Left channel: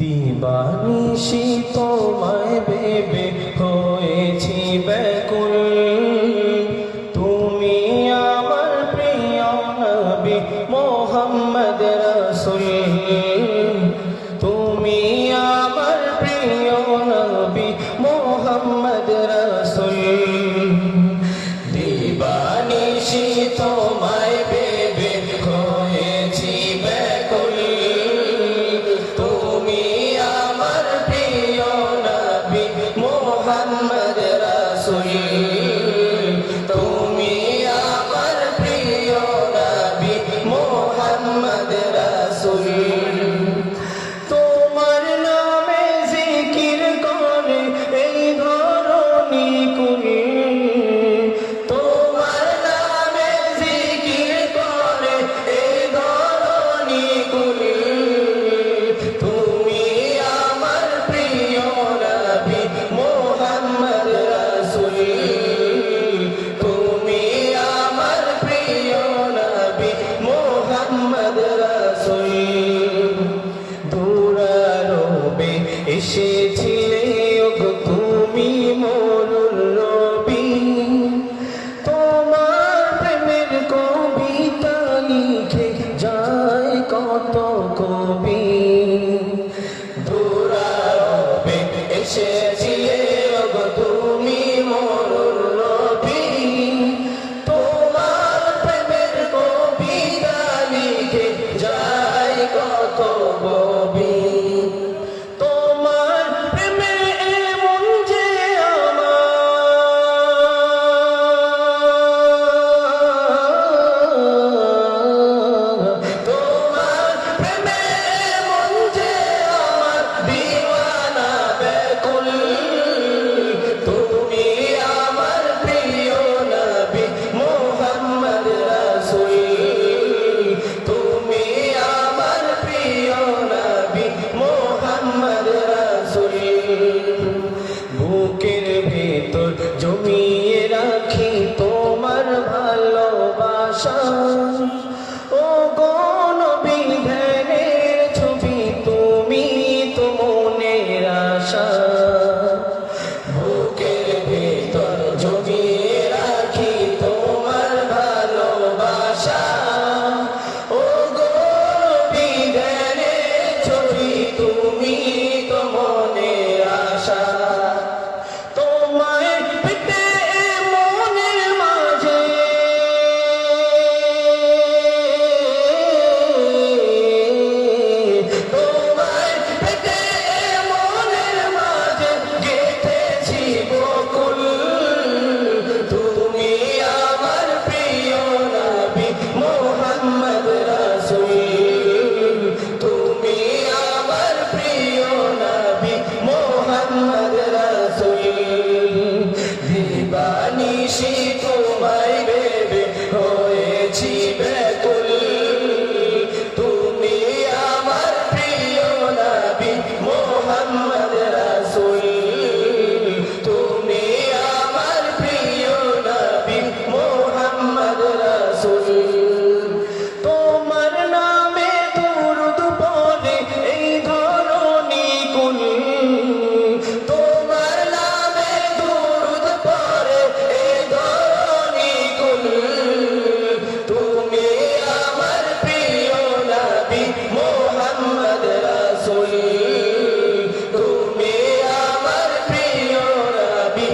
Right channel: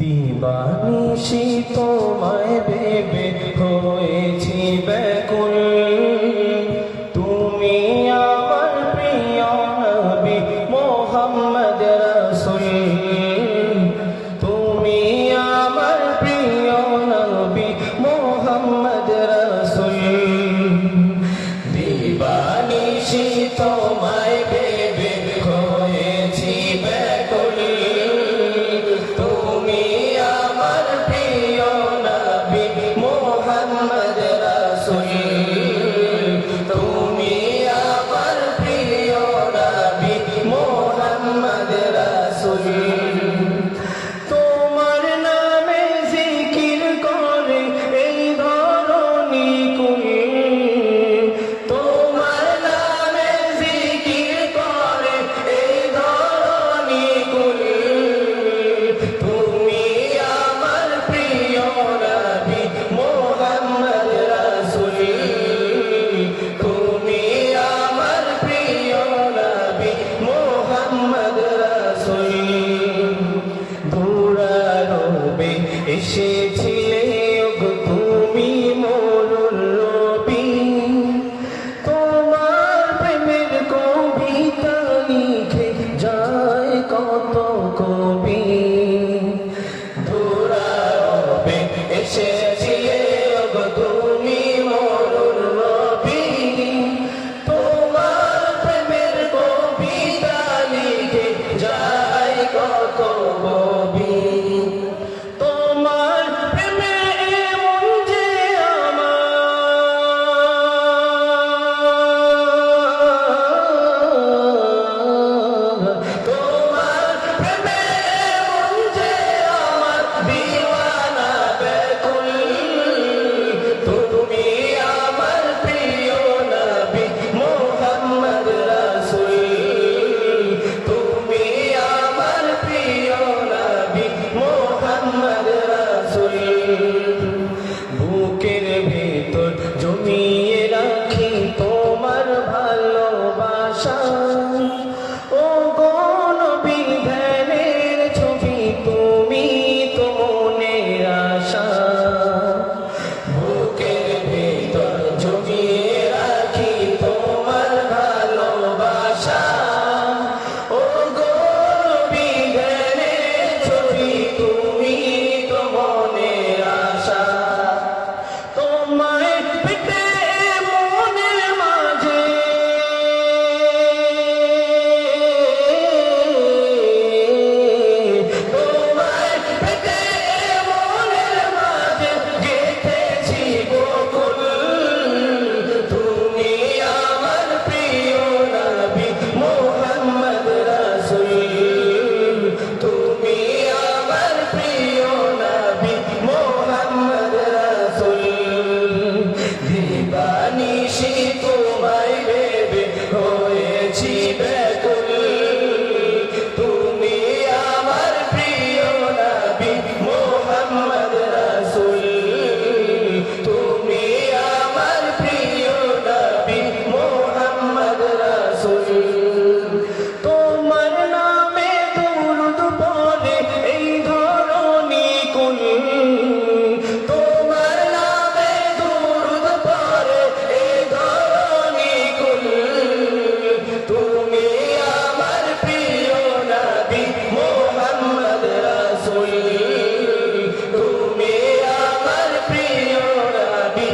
দিবানিশি তোমায় ভেবে হয়েছি ব্যাকুল, তুমি আমার প্রিয় নবী মুহাম্মদ রাসূল, তুমি আমার প্রিয় নবী মুহাম্মদ রাসূল। দিবানিশি তোমায় ভেবে হয়েছি ব্যাকুল, তুমি আমার প্রিয় নবী মুহাম্মদ রাসূল। তোমার নামে জিকির করে এই ধরণী কুল, তোমার নামে জিকির করে এই ধরণী কুল, তুমি আমার প্রিয় নবী মুহাম্মদ রাসূল, তুমি আমার প্রিয় নবী মুহাম্মদ রাসূল। দুরারোবে এসেছিলে গো তুমি মোর নবী, তোমার প্রেমের কবিতা লিখে যায় কত কবি। দুরারোবে এসেছিলে গো তুমি মোর নবী, তোমার প্রেমের কবিতা লিখে যায় কত কবি। তোমার প্রেমে এমন যে আমার, তোমার প্রেমে এমন যে আমার দিওয়ানা ব্যাকুল, তুমি আমার প্রিয় নবী মুহাম্মদ রাসূল, তুমি আমার প্রিয় নবী মুহাম্মদ রাসূল। বুকের ভেতর জমিয়ে রাখি তোমার ভালোবাসা, ও গো নবী ধ্যানের ছবি তুমি তো মনের আশা। বুকের ভেতর জমিয়ে রাখি তোমার ভালোবাসা, ও গো নবী ধ্যানের ছবি তুমি তো মনের আশা। তোমায় পেতে মনের মাঝে তোমায় পেতে মনের মাঝে গেঁথেছি বকুল, তুমি আমার প্রিয় নবী মুহাম্মদ রাসূল, তুমি আমার প্রিয় নবী মুহাম্মদ রাসূল। দিবানিশি তোমায় ভেবে হয়েছি ব্যাকুল, তুমি আমার প্রিয় নবী মুহাম্মদ রাসূল, তুমি আমার প্রিয় নবী মুহাম্মদ রাসূল। তোমার নামে দুরূদ পড়ে এই ধরণী কুল, তোমার নামে দুরূদ পড়ে এই ধরণী কুল, তুমি আমার প্রিয় নবী মুহাম্মদ রাসূল, তুমি আমার প্রিয় নবী